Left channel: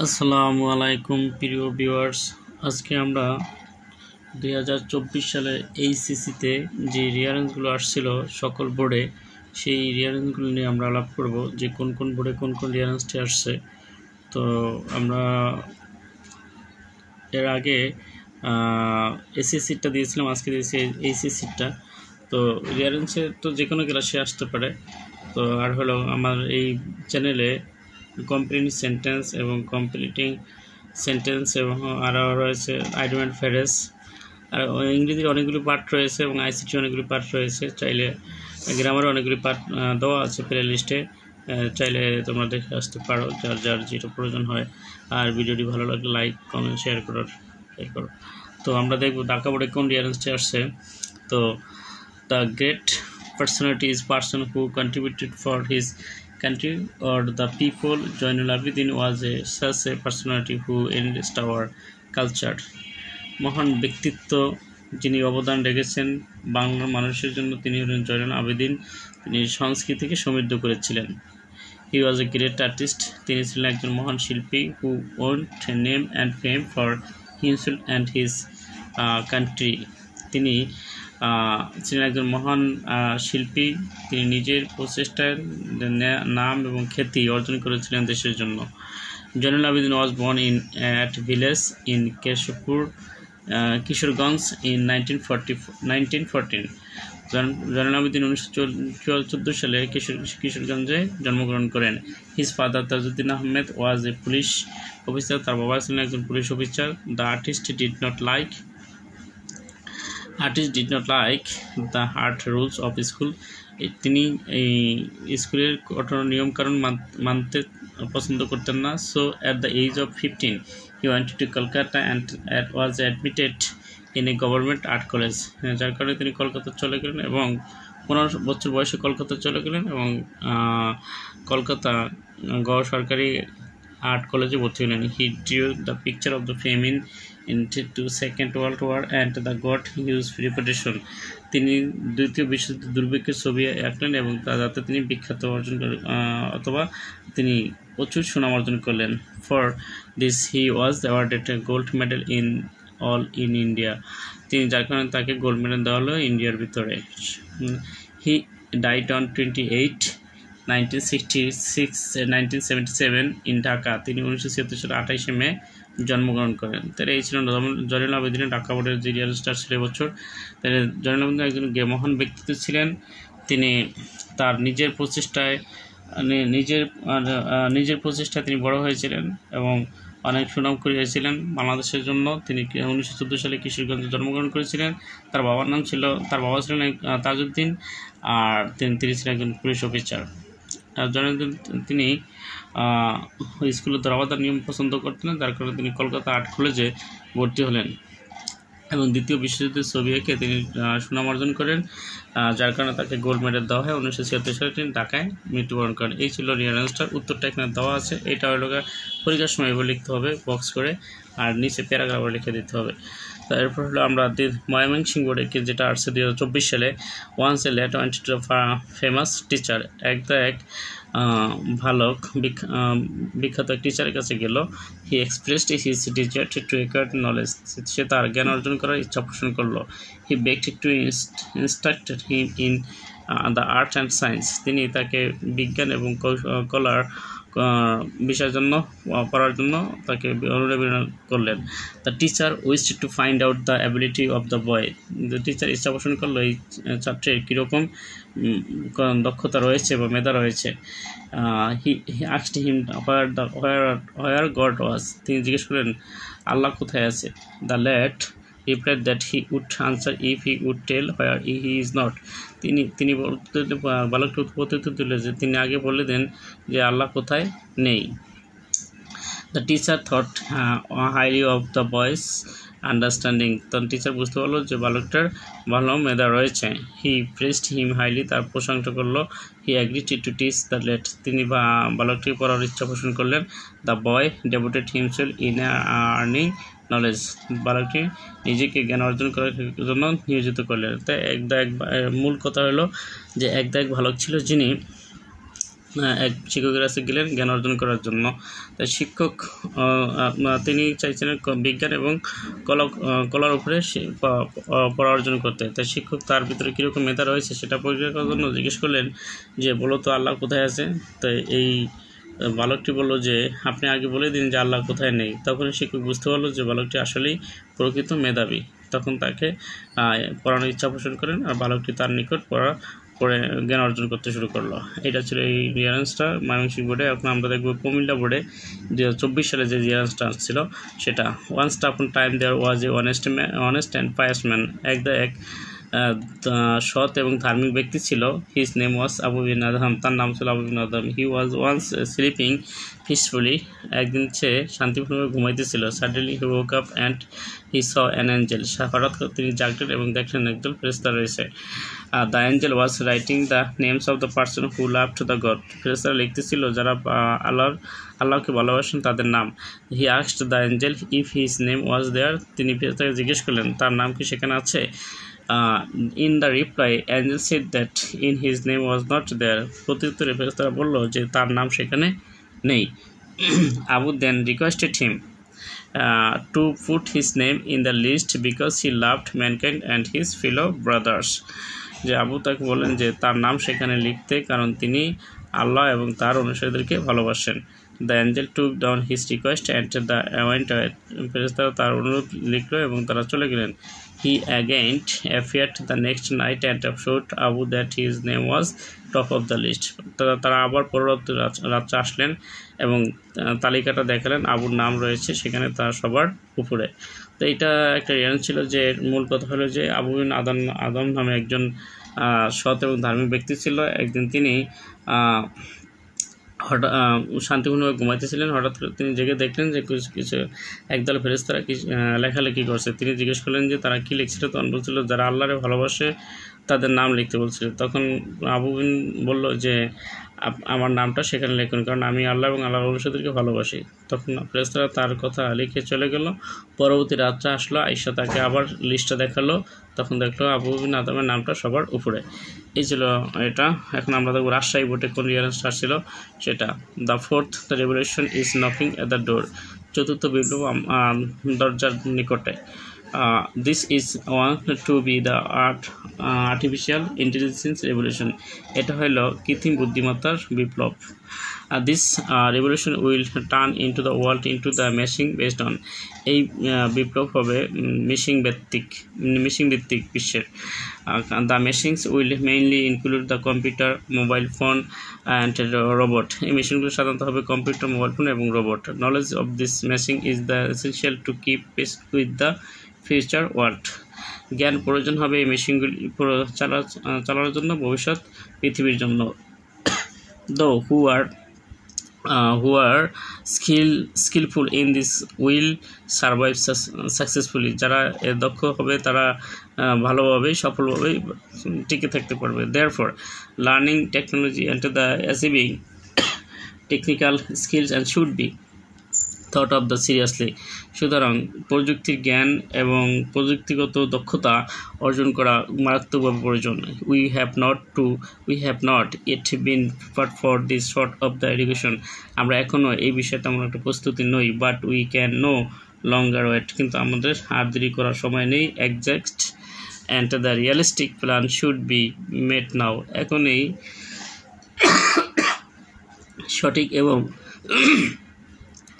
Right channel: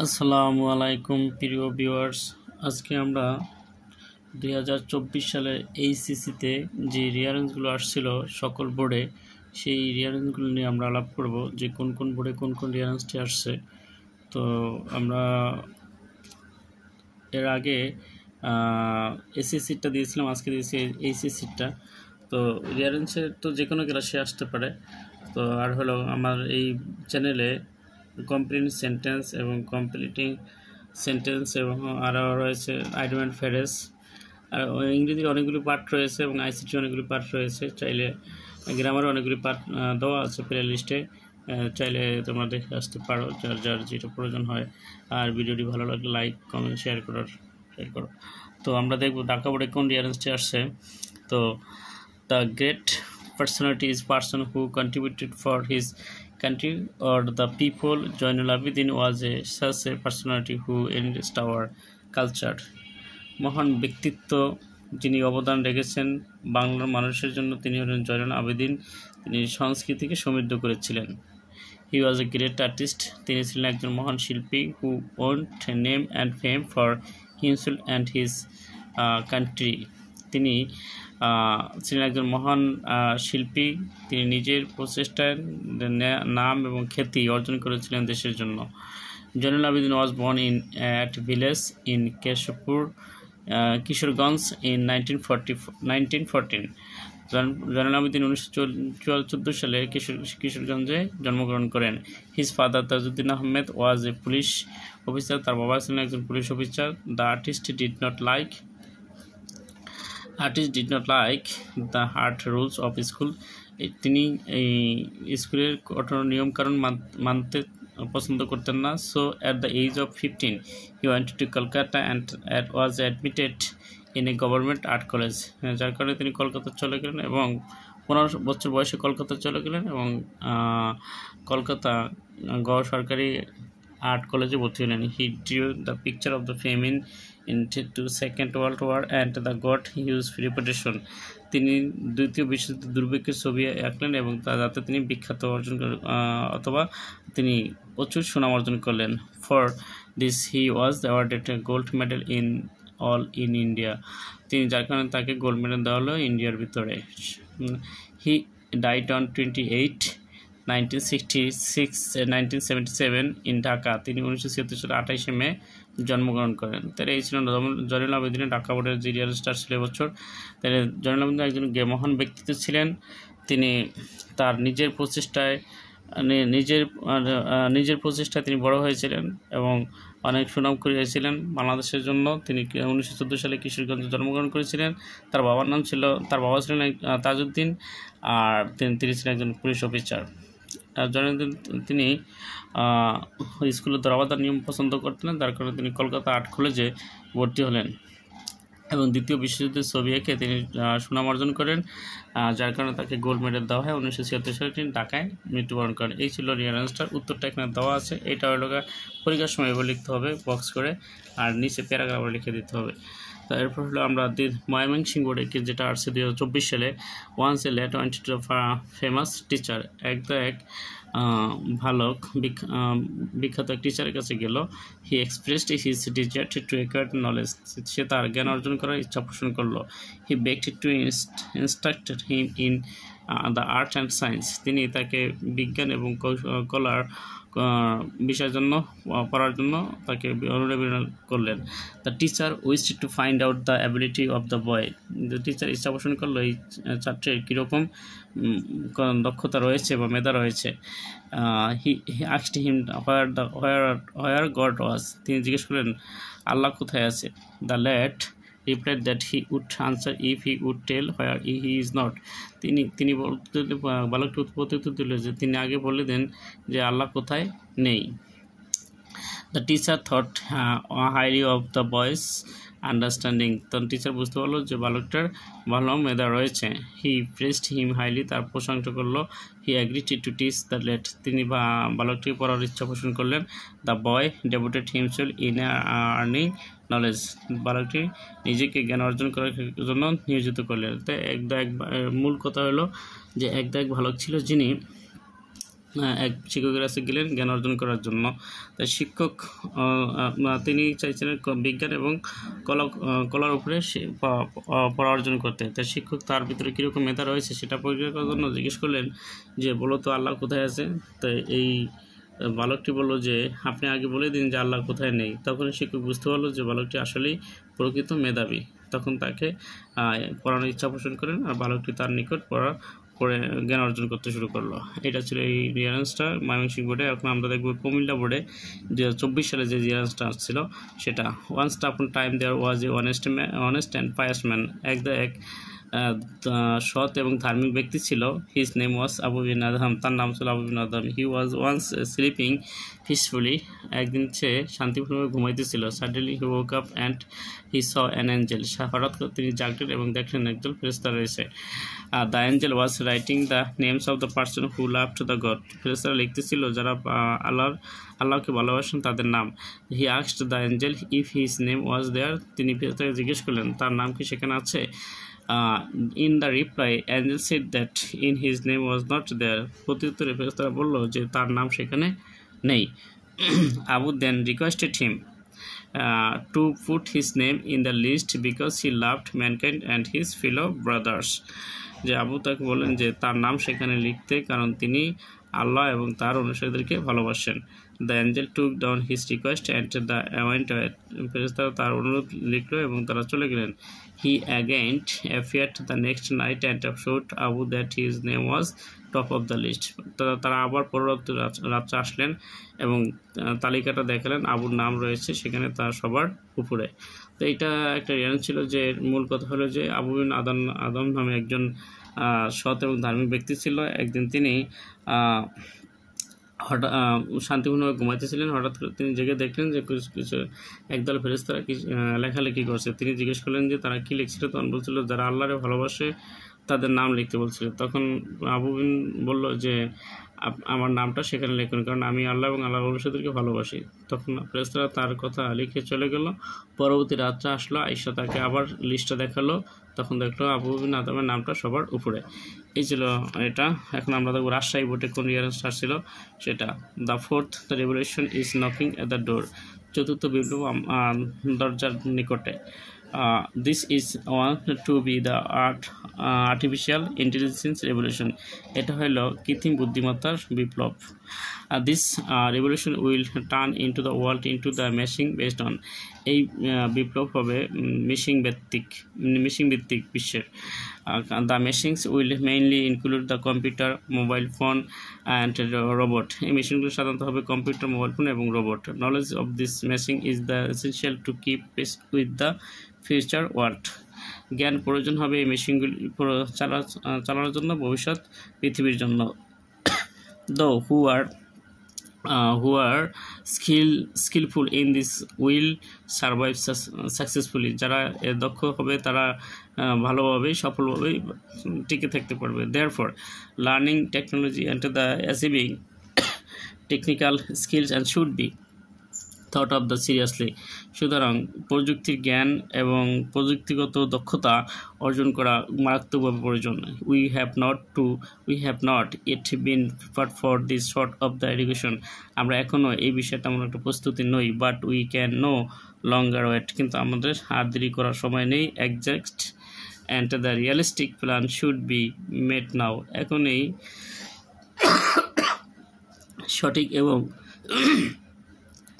আসসালামু আলাইকুম প্রিয় ভিউয়ার্স। আজকে আমরা 2024 সালে এইচএসসিতে যে রিয়ারেন্সগুলো আসছিল সকল বোর্ডে, সেই রিয়ারেন্সগুলো নিয়ে আমরা আলাপ করব যে কোন কোন বোর্ডে কোন কোন রিয়ারেন্সটি আসছে। তো আমরা এর আগে এসএসসিটা দিয়েছিলাম, আজকে দিয়েছি এইচএসসিটা। তো রিয়ারেন্সের তো যে কোনো ক্লাসে আসতে পারে। তো আর হলো আমার এই চ্যানেলে কমপ্লিটিং সেন্টেন্স এবং কমপ্লিটিং সেন্টেন্স এবং আরও রয়েছে আইডেন্ট ফ্রেজ, আর ইংরেজির অনেকগুলি পার্ট রয়েছে এবং আইসিটি অনেকগুলি পার্ট রয়েছে। চাইলে গ্রামারও অনেকগুলি পার্ট দেওয়া আছে প্লে লিস্টে, চাইলে তোমরা দেখে আসতে পারো যার যার যেটা প্রয়োজন হয়। আর ভিডিওটি ভালো লাগলে লাইক কমেন্ট শেয়ার করো। তো আমরা দেখব ঢাকা বোর্ডে কোন রিয়ারেন্সটি আসছে। তো the great personality is person who contributed for his country or the people. Zainul Abidin was such a personality who enriched our culture. মহান ব্যক্তিত্ব যিনি অবদান রেখেছেন বাংলার মানুষের জন্য, তিনি হলেন জয়নুল আবেদিন। তিনি সংস্কৃতিকে সমৃদ্ধ করেছিলেন। He was a great artist. তিনি ছিলেন একজন মহান শিল্পী who owned name and fame for himself and his country. তিনি ছিলেন একজন মহান শিল্পী। তিনি নিজের প্রচেষ্টায় নাম এবং খ্যাতি অর্জন করেছিলেন দেশের জন্য। Zainul Abedin was born in at village in Keshabpur, Kishoreganj in 1914। Zainul Abedin 1914 সালে কিশোরগঞ্জে জন্মগ্রহণ করেন। His father Tajuddin Ahmed was a police officer. তার বাবা ছিলেন একজন police officer. The artist did not like the hard rules of school. তিনি স্কুলের কঠোর নিয়মকানুন মানতে পছন্দ করতেন না। So at the age of 15 he went to Kolkata and was admitted in a government art college. যার কারণে তিনি কলকাতা চলে গেলেন এবং 15 বছর বয়সে কলকাতা চলে গেলেন এবং কলকাতা সরকারি আর্ট কলেজে ভর্তি হলেন। হি drew the picture of the famine into Second World War and the got huge reputation. তিনি দ্বিতীয় বিশ্বযুদ্ধ দুর্ভিক্ষের ছবি আঁকলেন এবং যাতে তিনি বিখ্যাত অর্জন করেন অথবা তিনি প্রচুর সুনাম অর্জন করলেন। For this he was awarded a gold medal in India. তিনি যার কারণে তাকে গোল্ড মেডেল দেওয়া হলো ইন্ডিয়ার ভিতরে। He died on 1977 in Dhaka. তিনি 1976 সালে 28 মে জন্মগ্রহণ করেন। তাহলে এই ছিলেন জয়নুল আবেদিনের ঢাকা বোর্ডের যে রিয়ারেন্সটা ছিল এবছর। তাহলে জয়নুল আবেদিন একজন মহান ব্যক্তিত্ব ছিলেন। তিনি তার নিজের প্রচেষ্টায় তিনি বড় হয়েছিলেন এবং অনেক সুনাম করিয়েছিলেন বাংলাদেশের জন্য। তিনি 1914 সালে কিশোরগঞ্জে জন্মগ্রহণ করেছিলেন। তার বাবা ছিলেন তাজউদ্দিন, আর তিনি ছিলেন একজন পুলিশ অফিসার। তিনি স্কুলে ধরাবাঁধার নিয়ম পছন্দ করতেন, যার কারণে তিনি কলকাতা আর্ট কলেজে ভর্তি হলেন এবং দ্বিতীয় বিশ্বযুদ্ধের ছবি এঁকে তিনি সুনাম অর্জন করেন, যার কারণে তাকে গোল্ড মেডেল দেওয়া হয়। 1976 সালে তিনি ঢাকায় মৃত্যুবরণ করেন। এই ছিল রিয়ারেন্সটার উত্তরটা এখানে দেওয়া আছে। এটা হলো পরীক্ষার সময় এবার লিখতে হবে বক্স করে, আর নিচে প্যারাগ্রাফ লিখে দিতে হবে। তারপর হলো আমরা ময়মনসিংহ বোর্ডে যেটা আসছে 2024 সালে। Once a lad went to famous teacher. এক বিখ্যাত এক টিচারের কাছে গেল। He expressed his desire to acquire knowledge. সে তার জ্ঞান অর্জন করার ইচ্ছা পোষণ করলো। He begged to instructed him in the art and science. তিনি তাকে বিজ্ঞান এবং কলার বিষয়ের জন্য পড়ার জন্য তাকে অনুপ্রেরণা করলেন। The teacher wished to find out the ability of the boy. Teacher ইচ্ছা পোষণ করলো এই ছাত্রের কীরকম দক্ষতা রয়েছে বা মেধা রয়েছে। He asked him where God was. তিনি জিজ্ঞেস করলেন আল্লাহ কোথায় আছে। The lad replied that he would answer if he would tell where he is not. তিনি বালকটি উত্তর দিল যে তিনি আগে বলে দেন যে আল্লাহ কোথায় নেই। The teacher thought highly of the বয়েস আন্ডারস্ট্যান্ডিং। তখন টিচার বুঝতে পারলো যে বালকটার ভালো মেধা রয়েছে। হি প্রেসড হিম হাইলি, তার প্রশংসা করলো। He agreed to teach the lad. তিনি বালকটির পড়ার ইচ্ছা পোষণ করলেন। The boy devoted himself in earning knowledge. বালকটি নিজেকে জ্ঞান অর্জন করার জন্য নিয়োজিত করলেন। তাই মূল কথা হলো যে এক বালক ছিল যিনি এক শিক্ষকের কাছে গেলেন জ্ঞান অর্জন করার জন্য। তাই শিক্ষক তিনি চাইছিলেন বিজ্ঞান এবং কলার উপরে পড়া অর্জন করতে। তাই শিক্ষক তার ভিতরে কীরকম মেধা রয়েছে সেটা পরীক্ষা করার জন্য জিজ্ঞেস করলেন যে বলো তো আল্লাহ কোথায় আছে। তাই এই বালকটি বলল যে আপনি আগে বলে দিন যে আল্লাহ কোথায় নেই। তখন শিক্ষক বুঝতে পারলো যে বালকটি আসলেই প্রকৃত মেধাবী। তখন তাকে পড়ানোর ইচ্ছা পোষণ করেন আর বালকটি তার নিকট পড়ে জ্ঞান অর্জন করতে শুরু করলো। এটা ছিল এই রিয়ারেন্সটা ময়মনসিংহ বোর্ডে। এখন আমরা দেখব কুমিল্লা বোর্ডে 2024 সালে যে রিয়ারেন্সটা আসছিল সেটা। Once upon time there was a honest and pious man. এক সৎ এবং ধার্মিক ব্যক্তি ছিল। His name was Abu bin Adham. তার নাম ছিল Abu bin Adham. He was once sleeping peacefully. একদিন সে শান্তিপূর্ণভাবে ঘুমাইতেছিল। Suddenly he woke up and he saw an angel. হঠাৎ করে তিনি জাগলেন এবং দেখলেন একজন ফেরেশতা রয়েছে। The angel was writing the names of the person who loved the God. ফেরেশতারা লিখতেছিল যারা আল্লাহকে ভালোবাসেন তাদের নাম। He asked the angel if his name was there. তিনি ফেরেশতাকে জিজ্ঞেস করলেন তার নাম কি সেখানে আছে। In the reply, angel said that in his name was not there. প্রত্যুত্তরে ফেরেশতারা বলল যে তার নাম সেখানে নেই। Abu then requested him to put his name in the list because he loved mankind and his fellow brothers. যে আবু তাকে বলেন যে তার নাম সেখানে লিখতে, কারণ তিনি আল্লাহ এবং তার অনুসারীদেরকে ভালোবাসেন। The angel took down his request and went away. ফেরেশতারা তার অনুরোধ লিখল এবং তারা চলে গেলেন। He again appeared the next night and showed Abu that his name was top of the list. তারা আবার পরবর্তী রাত্রে আসলেন এবং তালিকাটা দেখালেন, আবুর নাম রয়েছে সেখানে তার সবার উপরে। তো এটা একটা রিয়ান ছিল যে মূল কথা হলো যে আবু বিন আদম নামে একজন সৎ এবং ধার্মিক ব্যক্তি ছিল। একদিন তিনি হঠাৎ শান্তিপূর্ণভাবে ঘুমাইতেছিলেন। হঠাৎ করে তিনি জেগে দেখলেন যে কিছু একদল ফেরেশতারা কি লেখালেখি করছে। তিনি জিজ্ঞেস করলেন যে তারা কি লিখছিল। তখন বলছিল যারা আল্লাহরে ভালোবাসে তাদের নাম লিখতে বলছিল। তখন আবু বিন বলল যে আমার নামটা সেখানে লিখুন, কারণ আমি আল্লাহ এবং আল্লাহর অনুসারীদেরকে ভালোবাসি। তখন ফেরেশতারা তার কথা লিখে চলে গেল। পরবর্তী রাত্রে আসলো, আয়েশা তাকে আবার লিস্টটা দেখালো। তখন দেখলো আবু বিন আদমের নামটা সবার উপরে। এই ছিল এটা। এখন আমরা দেখব রাজশাহী বোর্ডে কোন রিয়ারেন্সটা আসছিল সেটা। The fourth the revolution is knocking at the door. চতুর্থ বিপ্লব দরজার নিকটে। This is one to be the artificial intelligence revolution. এটা হলো কৃত্রিম বুদ্ধিমত্তার বিপ্লব। This revolution will turn into the world into the machine based on. এই বিপ্লব হবে মেশিন ভিত্তিক বিশ্বের। The machines will mainly include the computer, mobile phone and robot. এই মেশিনগুলো সাধারণত হবে কম্পিউটার, মোবাইল ফোন এবং robot. Knowledge of this machine is the essential to keep pace with the future world. জ্ঞান প্রয়োজন হবে এই মেশিনগুলি চালানোর জন্য ভবিষ্যৎ পৃথিবীর জন্য। Though who are skillful in this will survive successfully. যারা দক্ষ হবে তারা ভালোভাবেই সফলভাবেই টিকে থাকতে পারবে। Therefore, learning technology and the achieving technical skills and should be thought of the seriously. সুতরাং প্রযুক্তির জ্ঞান এবং প্রযুক্তিগত দক্ষতা অর্জন করা মারাত্মকভাবে প্রয়োজন। We have not yet been prepared for this sort of the education. আমরা এখনও এই বিষয়ে তেমন একটা প্রস্তুতি নই। But we can no longer wait. কিন্তু আমাদের আর দেরি করার সময় নেই। Exact and the realistic plan should be made now. এখন এই সঠিক এবং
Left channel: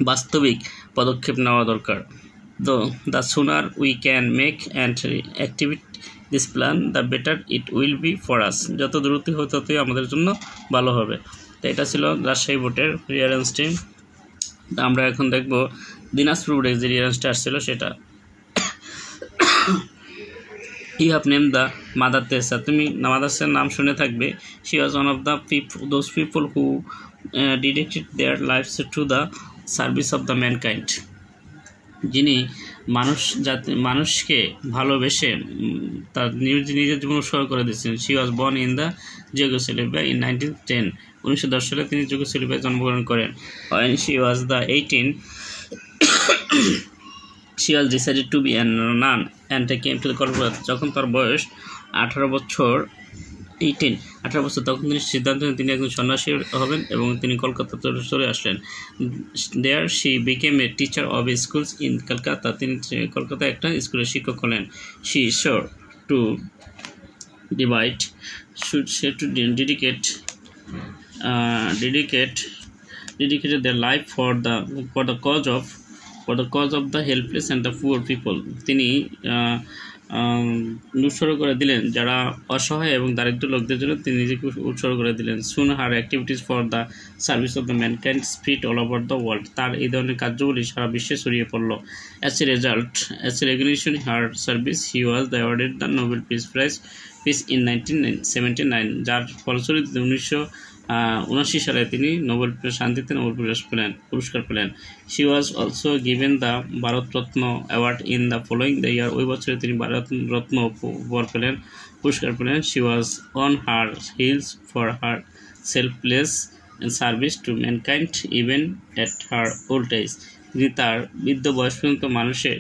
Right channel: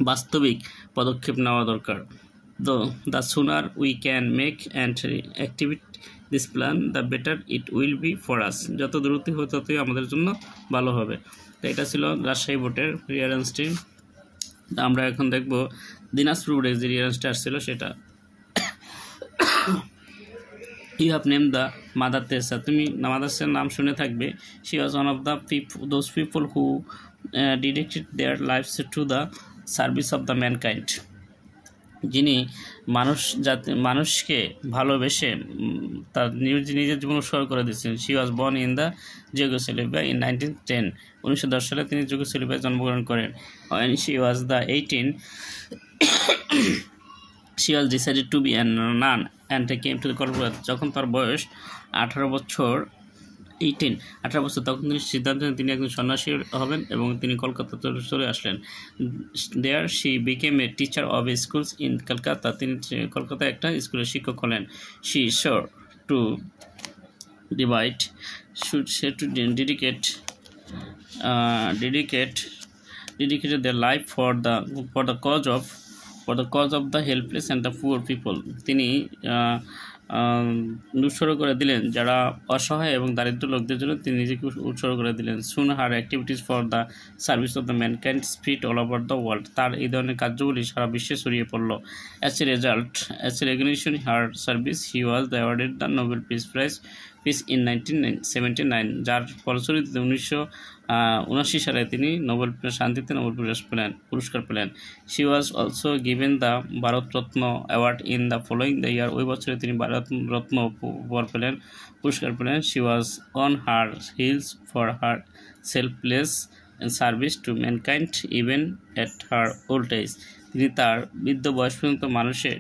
বাস্তবিক পদক্ষেপ নেওয়া দরকার। তো the sooner we can make and activate this plan, the better it will be for us. যত দ্রুত হয় ততই আমাদের জন্য ভালো হবে। তো এটা ছিল রাজশাহী বোর্ডের রিয়ারেন্সটি। আমরা এখন দেখব দিনাজপুর বোর্ডের যে রিয়ারেন্সটা আসছিল সেটা। You have named the Mother Teresa. তুমি মাদার তেরেসার নাম শুনে থাকবে। She was one of the those people who dedicated their lives to the service of the mankind. যিনি মানুষকে ভালোবেসে তার নিজের জীবন উৎসর্গ করে দিয়েছেন। She was born in the Yugoslavia in 1910। 1910 সালে তিনি যুগোস্লাভিয়ায় জন্মগ্রহণ করেন। When she was 18, she was decided to be a nun and came to the Kolkata. যখন তার বয়স 18 বছর 18 বছর তখন তিনি সিদ্ধান্ত নেন তিনি একজন সন্ন্যাসী হবেন এবং তিনি কলকাতা চলে আসলেন। There she became a teacher of schools in Kolkata, তিনি কলকাতায় একটা স্কুলের শিক্ষক হলেন। She sure to divide to dedicated their life for the cause of the helpless and the poor people. তিনি উৎসর্গ করে দিলেন যারা অসহায় এবং দারিদ্র লোকদের জন্য তিনি নিজেকে উৎসর্গ করে দিলেন। Soon her activities for the service of the mankind spread all over the world. তার এই ধরনের কার্যগুলি সারা বিশ্বে ছড়িয়ে পড়ল। As a result, as a recognition her service, he was awarded the Nobel Peace Prize in 1979, যার ফলশ্রুতিতে 1979 সালে তিনি শান্তিতে নোবেল পুরস্কার পেলেন। She was also given the Bharat Ratna award in the following the year, ওই বছরে তিনি ভারত রত্ন পুরস্কার পেলেন। She was on her heels for her selfless service to mankind even at her old age. তিনি তার বৃদ্ধ বয়স পর্যন্ত মানুষের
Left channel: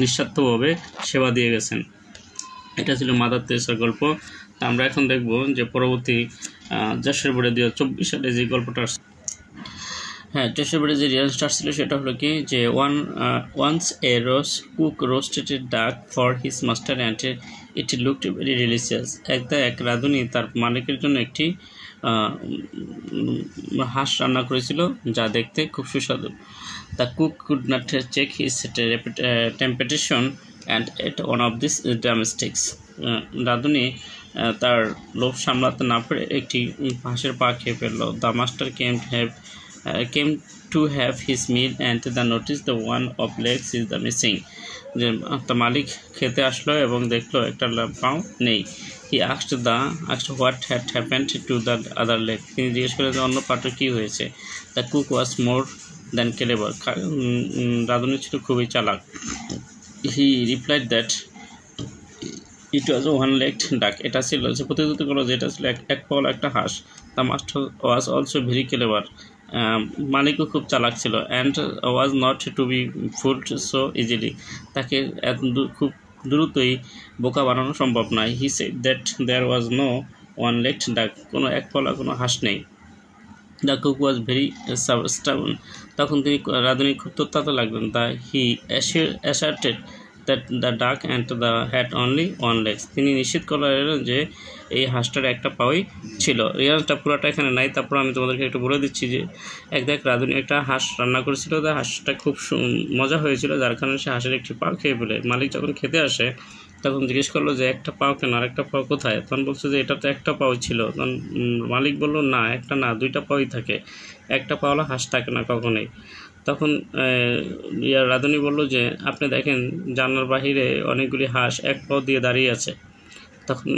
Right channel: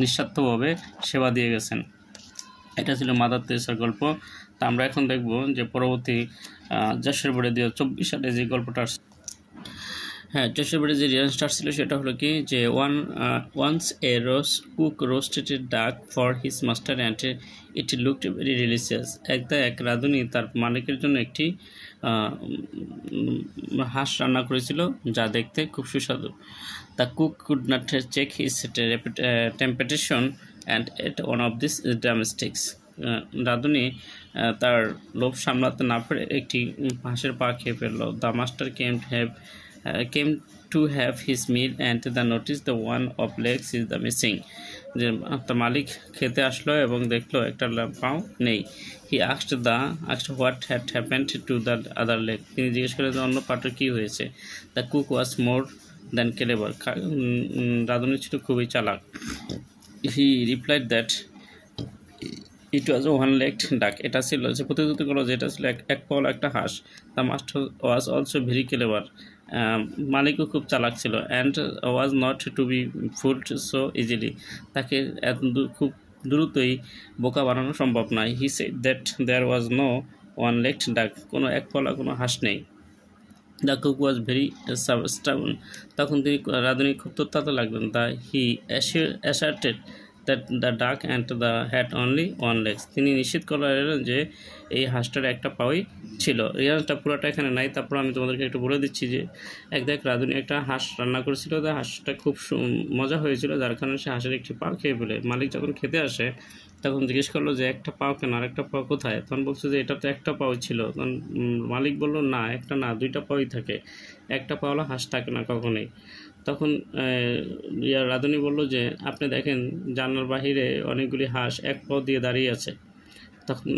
নিঃস্বার্থভাবে সেবা দিয়ে গেছেন। এটা ছিল মাদার তেরেসার গল্প। তা আমরা এখন দেখব যে পরবর্তী যশোর বোর্ডে 2024 সালে যে গল্পটা আসছে, হ্যাঁ যশোর বোর্ডে যে রিয়ারেন্সটা ছিল সেটা হলো কি যে ওয়ান্স এ কুক রোস্টেড ডাক for his master and it looked very delicious. এক রাঁধুনি তার মালিকের জন্য একটি হাঁস রান্না করেছিল যা দেখতে খুব সুস্বাদু। The cook could not check his temptation and ate one of these drumsticks. রাঁধুনি তার লোভ সামলাতে না পেরে একটি হাঁসের পা খেয়ে ফেলল। The master came to have his meal and the notice the one of legs is the missing. যে তার মালিক খেতে আসলো এবং দেখলো একটা পাও নেই। He asked what had happened to the other leg. তিনি জিজ্ঞেস করলেন যে অন্য পাটা কি হয়েছে। The cook was more than clever. রাঁধুনি ছিল খুবই চালাক। He replied that it was a one-legged duck. এটা ছিল যে প্রতিশ্রুতি করলো যে এটা ছিল এক পাওয়ালা একটা হাঁস। The master was also very clever. মালিকও খুব চালাক ছিল and was not to be fooled so easily. তাকে খুব দ্রুতই বোকা বানানো সম্ভব নয়। He said that there was no one-legged duck. কোনো এক পাওয়ালা কোনো হাঁস নেই। The cook was very stubborn. তখন তিনি রাঁধুনি খুব তত্ত্বাতে লাগলেন। He asserted that the duck and the had only one leg. তিনি নিশ্চিত করলেন যে এই হাঁসটার একটা পাওই ছিল। রিয়াজটা পুরোটা এখানে নাই, তারপর আমি তোমাদেরকে একটু বলে দিচ্ছি যে রাঁধুনি একটা হাঁস রান্না করেছিল। তার হাঁসটা খুব মজা হয়েছিল যার কারণে সে হাঁসের একটি পাও খেয়ে ফেলে। মালিক যখন খেতে আসে তখন জিজ্ঞেস করলো যে একটা পাও কেন, আর একটা পাও কোথায়? তখন বলছে যে এটা তো একটা পাও ছিল। তখন মালিক বললো না, একটা না, দুইটা পাওই থাকে, একটা পাওয়ালা হাঁস থাকে না কখনোই। তখন রাঁধুনি বলল যে আপনি দেখেন জানলার বাহিরে অনেকগুলি হাঁস এক পাও দিয়ে দাঁড়িয়ে আছে। তখন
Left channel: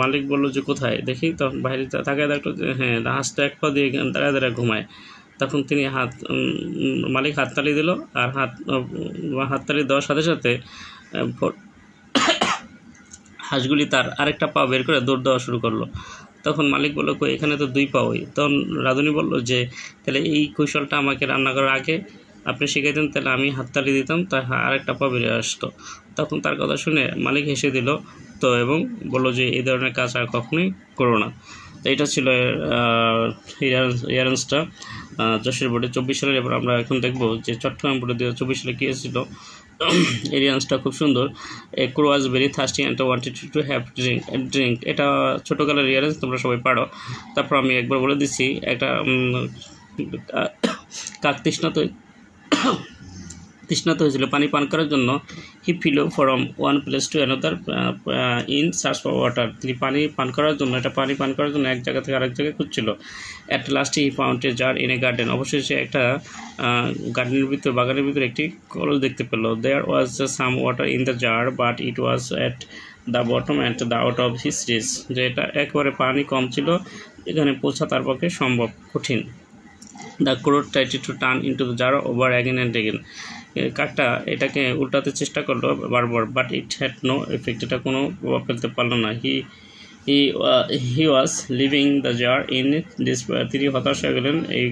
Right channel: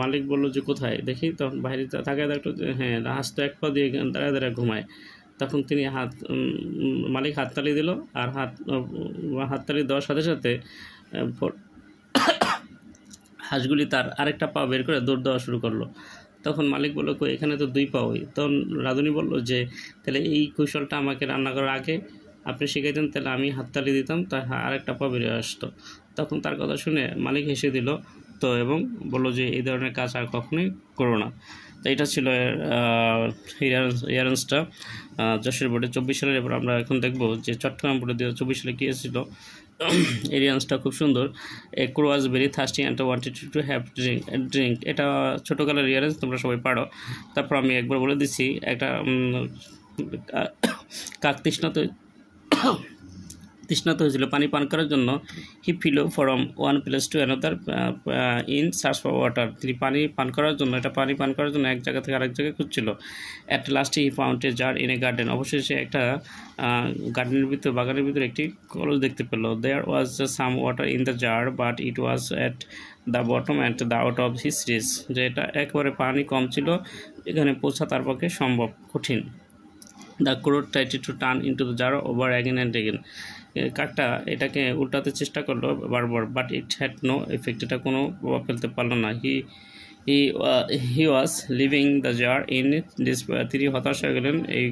মালিক বলল যে কোথায় দেখি। তখন বাইরে তাকায় দেখলো যে হ্যাঁ হাঁস তো এক পাও দিয়ে দাঁড়ায় ঘুমায়। তখন তিনি মালিক হাততালি দিল, আর হাততালি দেওয়ার সাথে সাথে হাঁসগুলি তার আরেকটা পা বের করে দৌড় দেওয়া শুরু করলো। তখন মালিক বললো কই এখানে তো দুই পাওই। তখন রাঁধুনি বলল যে তাহলে এই কৌশলটা আমাকে রান্না করার আগে আপনি শিখাইতেন, তাহলে আমি হাততালি দিতাম, তাই আরেকটা পা বেরিয়ে আসতো। তখন তার কথা শুনে মালিক হেসে দিল তো এবং বললো যে এই ধরনের কাজ আর কখনোই করো না। তো এটা ছিল ইয়ারেন্সটা যশোর বোর্ডে 24 সালের। এবার আমরা এখন দেখবো যে চট্টগ্রাম বোর্ডে 2024 সালে কী এসেছিল। এরিয়ান্সটা খুব সুন্দর। A crow was very thirsty and wanted to have drink. এটা ছোটোকালের রিয়ারেন্স, তোমরা সবাই পারো। তারপর আমি একবার বলে দিচ্ছি, একটা কাক তৃষ্ণাত হয়েছিল পানি পান করার জন্য। He fill from one place to another in search for water. তিনি পানি পান করার জন্য এক জায়গা থেকে আরেক জায়গায় খুঁজছিল। At last he found a jar in a garden. অবশ্যই সে একটা বাগানের ভিতরে একটি কলস দেখতে পেল। There was some water in the jar but it was at the bottom and the out of his reach. যে এটা একেবারে পানি কম ছিল, এখানে পৌঁছা তার পক্ষে সম্ভব কঠিন। The crow tried to turn into the jar over again and again. কাকটা এটাকে উল্টাতে চেষ্টা করলো বারবার, but it had no effect. এটা কোনো প্রভাব ফেলতে পারলো না। He was leaving the jar in this. তিনি হতাশ হয়ে গেলেন এই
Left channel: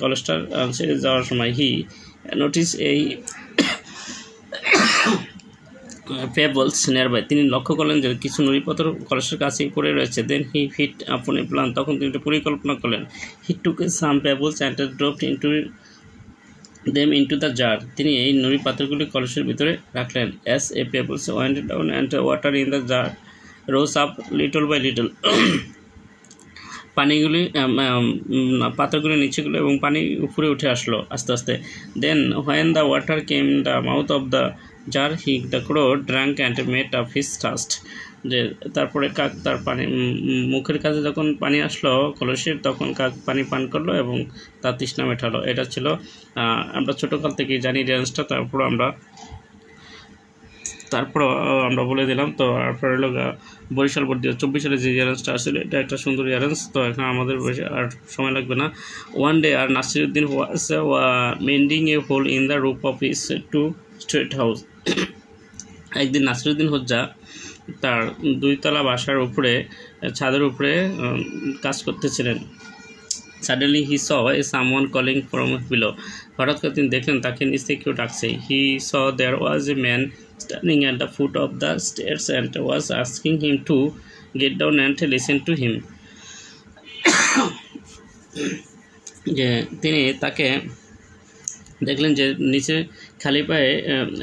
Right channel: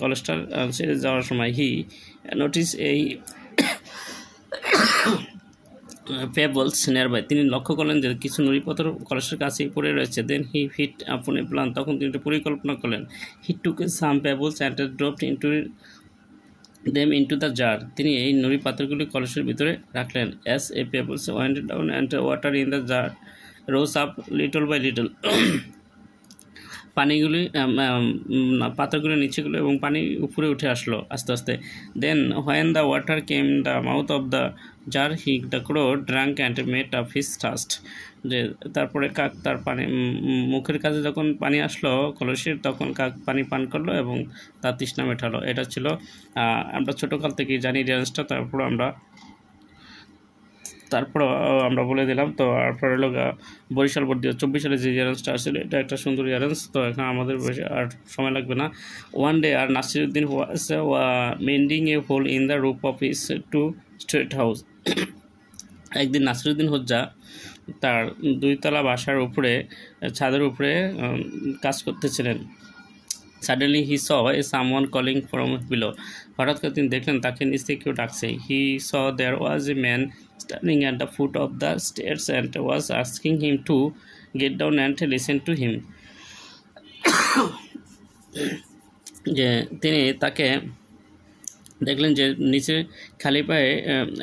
কলেজটার ছেড়ে যাওয়ার সময়। হি নোটিস pebbles nearby, তিনি লক্ষ্য করলেন যে কিছু নুড়িপাথর কলসের কাছেই পড়ে রয়েছে। দেন হি হিট আপন এ প্ল্যান, তখন তিনি একটা পরিকল্পনা করলেন। He took some pebbles and dropped them into the jar, তিনি এই নুড়ি পাথরগুলি কলসের ভিতরে রাখলেন। as a pebbles went down and water in the jar rose up little by little, পানিগুলি পাথরগুলি নিচে গেলো এবং পানি উপরে উঠে আসলো আস্তে আস্তে। দেন when the water came in the mouth of the jar the crow drank and made up his thirst, যে তারপরে কাক তার পানি মুখের কাছে যখন পানি আসলো কলসের, তখন কাক পানি পান করলো এবং তার তৃষ্ণা মেটালো। এটা ছিল আমরা ছোটোকাল থেকেই জানি রেঞ্জটা, তারপর আমরা বলে দিলাম। তো তারপরে হলো বরিশাল বোর্ড 2024 সালে যে রেঞ্জটা আসছিল, এটা একটা সুন্দর রেঞ্জ। তো এখানে আমাদের আর সময় লাগবে না। ওয়ান ডে আর Nasiruddin was mending a hole in the roof of his two straight house, একদিন নাসিরুদ্দিন হোজ্জা তার 2 তলা বাসার উপরে ছাদের উপরে কাজ করতেছিলেন। Suddenly he saw a someone calling from below, হঠাৎ করে তিনি দেখলেন তাকে নিচ থেকে কেউ ডাকছে। He saw there was a man standing at the foot of the stairs and was asking him to get down and listen to him, যে তিনি তাকে দেখলেন যে নিচে খালি পায়ে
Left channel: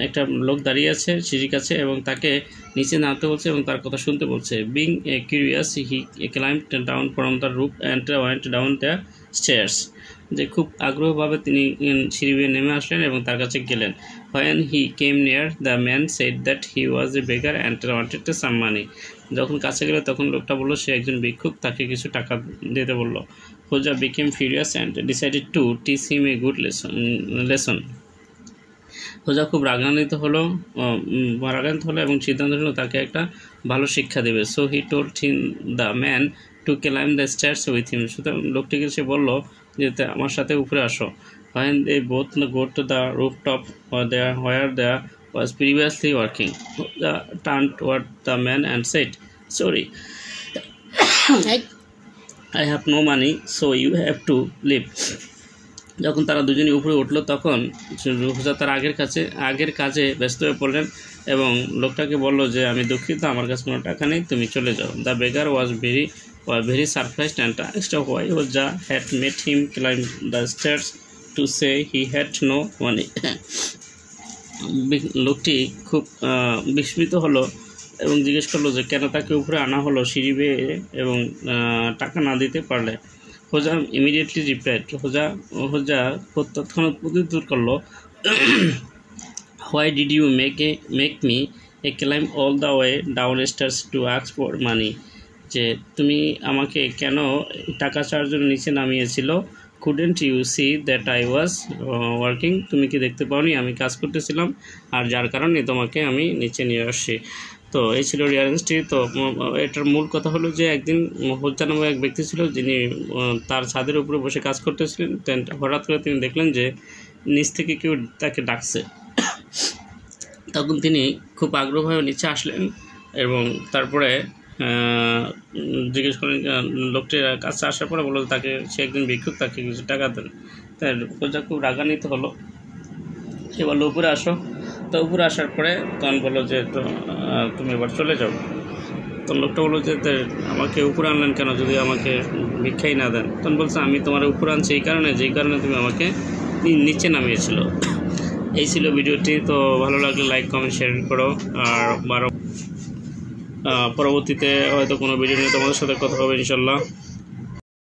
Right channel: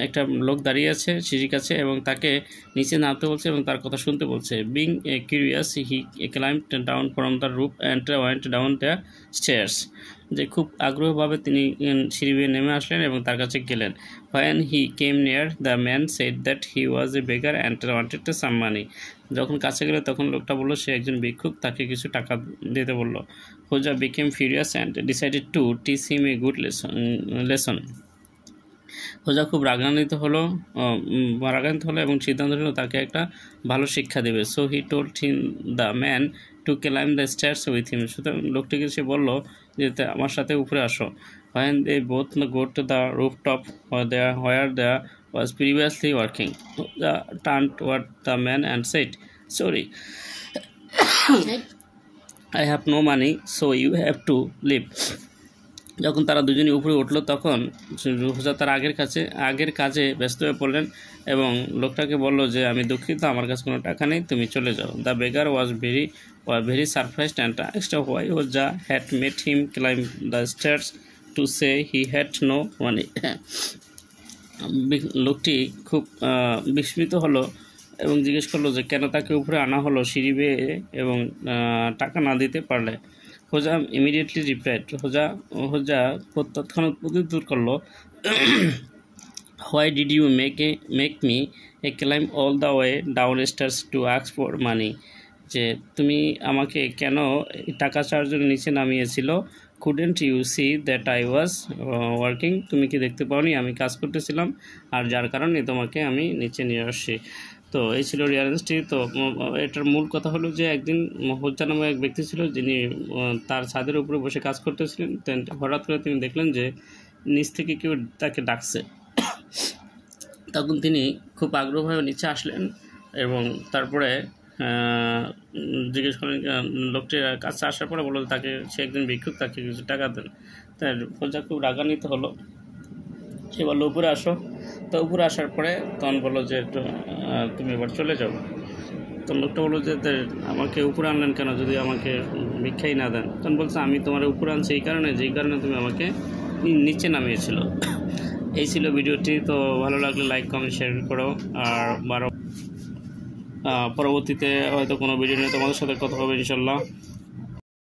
একটা লোক দাঁড়িয়ে আছে সিঁড়ির কাছে এবং তাকে নিচে নামতে বলছে এবং তার কথা শুনতে বলছে। Being curious he climbed down from the roof and went down the stairs, যে খুব আগ্রহভাবে তিনি সিঁড়ি বেয়ে নেমে আসলেন এবং তার কাছে গেলেন। When he came near the man said that he was a beggar and wanted some money, যখন কাছে গেলে তখন লোকটা বললো সে একজন ভিক্ষুক, তাকে কিছু টাকা দিতে বললো। হোজা became furious and decided to teach him a good lesson. হোজা খুব রাগান্বিত হলো এবং সিদ্ধান্ত নিল তাকে একটা ভালো শিক্ষা দেবে। So he told him the man to climb the stairs with him, সুতরাং লোকটিকে সে বললো যে আমার সাথে উপরে আসো। when they both go to the rooftop where there was previously working, Hoja turned toward the man and said, sorry, I have no money, so you have to leave. যখন তারা দুজনে উপরে উঠলো তখন হোজা তার আগের কাজে ব্যস্ত হয়ে পড়লেন এবং লোকটাকে বলল যে আমি দুঃখিত, আমার কাছে কোনো টাকা নেই, তুমি চলে যাও। The বেগার was very surprised and asked why Hoja had made him climb the stairs to say he had no money. লোকটি খুব বিস্মিত হলো এবং জিজ্ঞেস করলো যে কেন তাকে উপরে আনা হলো সিঁড়ি বেয়ে এবং টাকা না দিতে পারলে। হোজা ইমিডিয়েটলি রিপ্লাইড, হোজা তৎক্ষণাৎ প্রত্যুত্তর করলো, why did you make me climb all the way down stairs to ask for money, যে তুমি আমাকে কেন টাকা চাওয়ার জন্য নিচে নামিয়েছিল। couldn't you see that I was working, তুমি কি দেখতে পাওনি আমি কাজ করতেছিলাম, আর যার কারণে তোমাকে আমি নিচে নিয়ে আসছি। তো এই ছিল রিয়ারেন্সটি। তো এটার মূল কথা হলো যে একদিন হোজ্জা নামে এক ব্যক্তি ছিল যিনি তার ছাদের উপরে বসে কাজ করতেছিলেন। হঠাৎ করে তিনি দেখলেন যে নিচ থেকে কেউ তাকে ডাকছে। তখন তিনি খুব আগ্রহভাবে নিচে আসলেন এবং তারপরে জিজ্ঞেস করলেন, লোকটির কাছে আসার পরে বললো তাকে সে একজন ভিক্ষুক, তাকে কিছু টাকা দেন। তাই হোজ্জা খুব রাগান্বিত হলো, সে বললো উপরে আসো। তো উপরে আসার পরে তখন বললো যে তুমি এবার চলে যাও। তখন লোকটা বললো যে আমাকে উপরে আনলেন কেন যদি আমাকে ভিক্ষাই না দেন। তখন বলছে আমি তোমার উপরে আনছি যেই কারণে তুমি আমাকে নিচে নামিয়েছিল। এই ছিল ভিডিওটি। তো ভালো লাগলে লাইক কমেন্ট শেয়ার করো, আর পরবর্তীতে হয়তো কোনো ভিডিও নিয়ে তোমাদের সাথে কথা হবে ইনশাল্লাহ।